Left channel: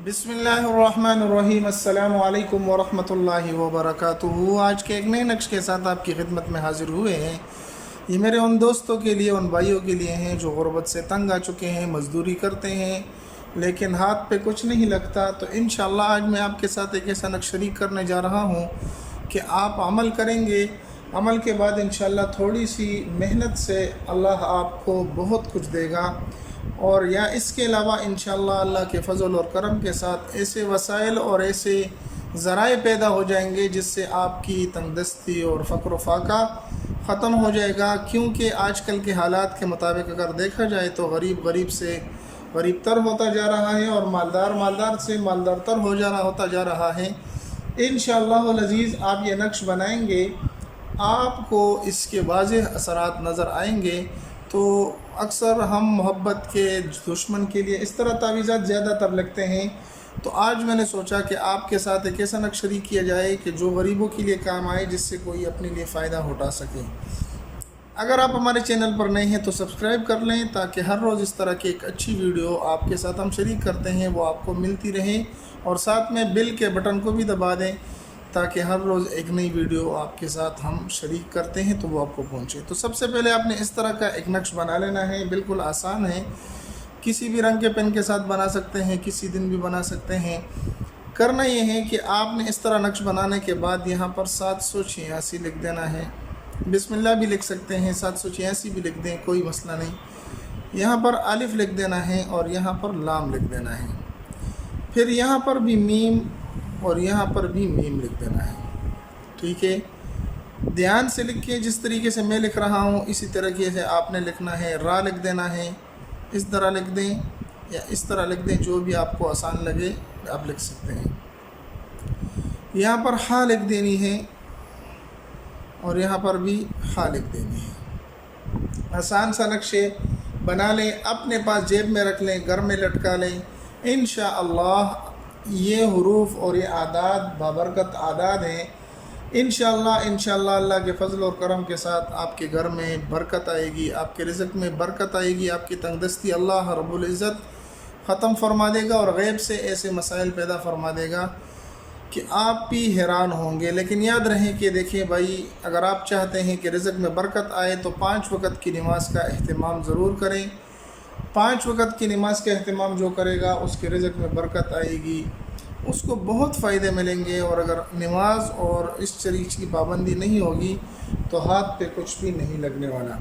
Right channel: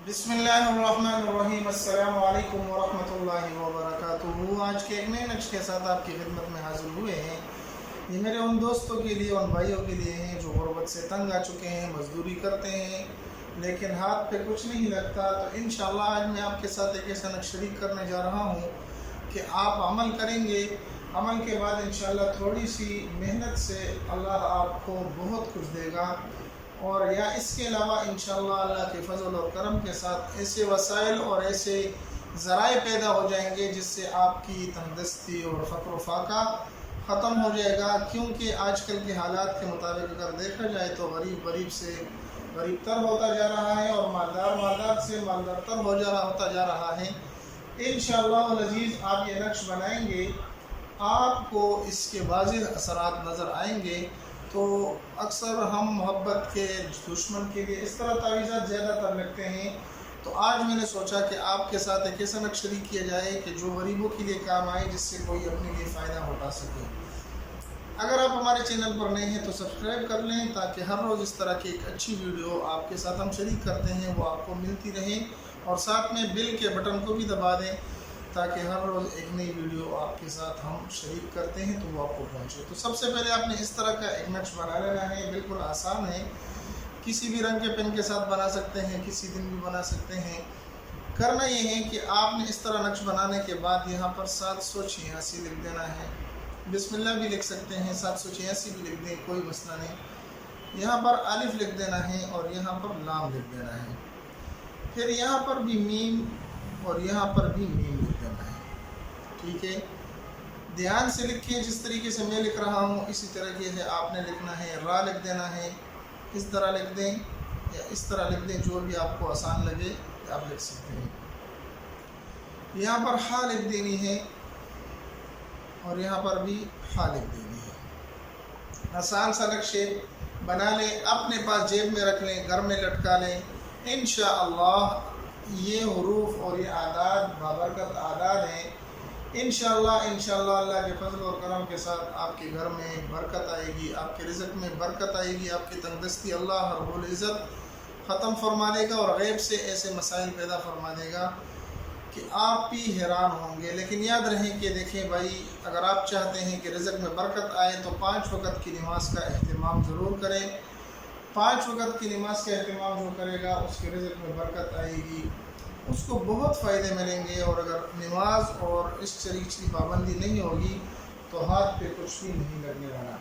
बिस्मिल्लाहिर्रहमानिर्रहीम अस्सलामु अलैकुम वरहमतुल्लाहि वबरकातुहू। आज के एक नए नक्श के साथ आपकी खिदमत में हाजिर हुए हैं। ये मेरे उन दोस्तों के लिए, उन भाइयों के लिए हैं जो गुर्बत से तंग आ चुके हैं, मज़दूरी करते हैं लेकिन हाथ पे कुछ नहीं लगता। तो इंशाअल्लाह आज मैं आपके साथ एक ऐसा नक्श शरीक करने जा रहा हूँ कि आप अमल करेंगे। अमल के बाद इंशाअल्लाह थोड़ी सी मेहनत से अल्लाह आपको बहुत कुछ देगा। और या इसके अलावा इंशाअल्लाह अल्लाह के फ़ज़ल और करम के साथ ऐसे वसाइल और ऐसे ज़राए पैदा हो जाएंगे जिससे आपकी तंगदस्ती और फ़क्र फाका ख़त्म हो जाएगा। क्योंकि आजकल के हालात के मुताबिक अगर देखा जाए तो गरीब गरीब से गरीब तर होता जा रहा है और मालदार मालदार से मालदार तर होता जा रहा है। इंशाअल्लाह अज़ीज़ आप ये नक्श बनाएंगे, आपको इसके वाज़ेह असरात नज़र आएंगे। तो अक्सर हम मोहब्बत के दुश्मन के लिए इस तरह तावीज़ात ज़्यादातर लगते हैं। तो आज मैंने सोचा कि आपके साथ एक ऐसा नक्श शरीक किया जाए कि जो गरीबों के लिए काम आए, जिससे कोई अपने लिए फ़ायदा उठा सके। अगर आप हमारे चैनल पर नए हैं तो सब्सक्राइब कर लें ताकि हर रोज़ इस तरह की एक अच्छी वीडियो आपके साथ हम शरीक करते हैं वो आपको मिलती रहे। और साथ में बेल के बटन को भी दबा दें ताकि हर रोज़ एक नई वीडियो आपके साथ हम शरीक करते हैं तो वो आपको पहुंचे। तो सबसे पहले आपने इस तरह का एक नक्श बना लेना है। बिल्कुल आसान है, किसी भी रंग के पेन के साथ बना सकते हैं, किसी दिन भी बना सकते हैं। करना ये है कि आपने इस तरह नक्श बनाने के बाद यहाँ पर 786 लिख देना है। बिस्मिल्लाह भी लिख सकते हैं, 786 भी लिख दें, कोई मसला नहीं। यहाँ पर अलिफ लिख देना है और यहाँ पर लाम लिख देना है। फिर यहाँ पर भी मीम और यहाँ पर भी मीम लिख देना है। ठीक है, ध्यान से लिखिए। जिस तरीके से मैं लिख रहा हूँ इसी तरीके से आपने लिखना है। रा लिख देना है, इस तरह लिख दें या इस तरह लिख दें, जो भी आपको आसान लगे आप लिख सकते हैं। यहाँ पर हा लिख देनी है और यहाँ पर भी हा लिख देनी है। आसान सा नक्शे बना लें, अपने पास जेब में रख लें, घर में लटका लें। इंशाअल्लाह ये हुरूफ और ये आदाद बाबरकत आदाद हैं। इंशाअल्लाह अल्लाह के फ़ज़ल और करम के साथ आपके घर में बरकत आएगी, आपके रिज़्क़ में बरकत आएगी, आपकी तंगदस्ती अल्लाह रब्बुल इज़्ज़त ख़त्म फरमा देगा और गैब से ऐसे मसाइल पैदा फरमा देगा कि आप भी हैरान होंगे। लेकिन याद रहे कि देखिए भाई, अगर आप चाहते हैं कि रिज़्क़ में बरकत आए तो 5 वक़्त की नमाज़ का अहतमाम ज़रूर करें। 5 वक़्त की नमाज़ का अहतमाम जो करेगा उसके रिज़्क़ में बरकत आएगी, उसको बहुत फ़ायदे मिलेंगे। और अगर नमाज और इस चीज़ की पाबंदी नहीं होगी तो हाथ पे कुछ भी नहीं लगने वाला।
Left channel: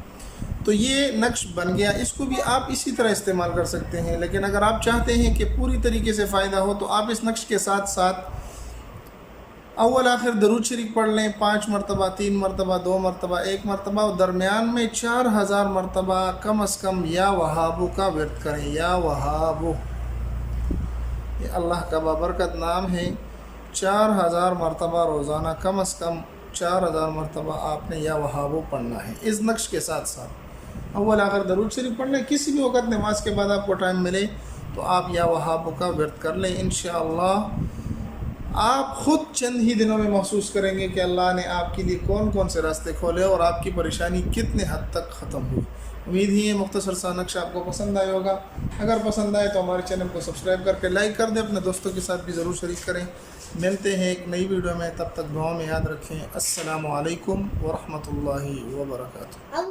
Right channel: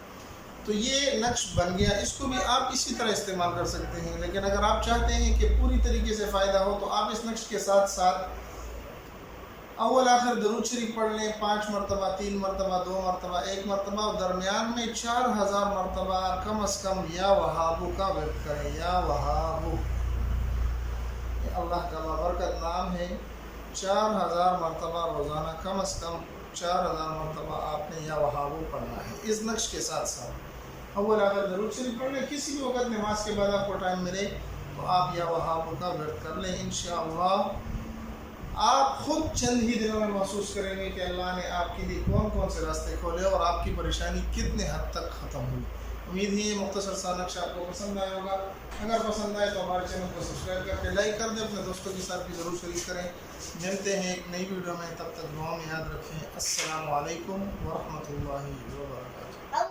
तो ये नक्श बन गया, इसको भी आप इसी तरह इस्तेमाल कर सकते हैं। लेकिन अगर आप चाहते हैं कि पूरी तरीके से फ़ायदा हो तो आप इस नक्श के साथ साथ अव्वल आखिर दरूद शरीफ पढ़ लें 5 मरतबा, 3 मरतबा, 2 मरतबा, 1 मरतबा और दरमियान में 4000 मरतबा कम अज़ कम या वहाबू का विर्द करें। या वहाबू, ये अल्लाह का बाबरकत नाम है। 4000 मरतबा रोज़ाना कम अज़ कम 4000 मरतबा आपने या वहाबू पढ़ना है। इस नक्श के साथ साथ अव्वल आखिर दरूद शरीफ पढ़ लें। किसी भी वक़्त नमाज के बाद आपको टाइम मिले तो आप या वहाबू का विर्द कर लें। इंशाअल्लाह आप ख़ुद चंद ही दिनों में महसूस करेंगे कि अल्लाह ने आपके लिए कौन कौन से रास्ते खोले और आपकी परेशानी कितने हद तक ख़त्म हुई। उम्मीद ही है मुख्तसर सा नक्शा आपको पसंद आया होगा। अगर पसंद आए तो हमारे चैनल को सब्सक्राइब करके लाइक कर दें, अपने दोस्तों के साथ भी ज़रूर शरीक करें। मिलते हैं एक नई वीडियो में, तब तक दुआ में याद रखें। अस्सलामु अलैकुम व रहमतुल्लाहि व बरकातुहू।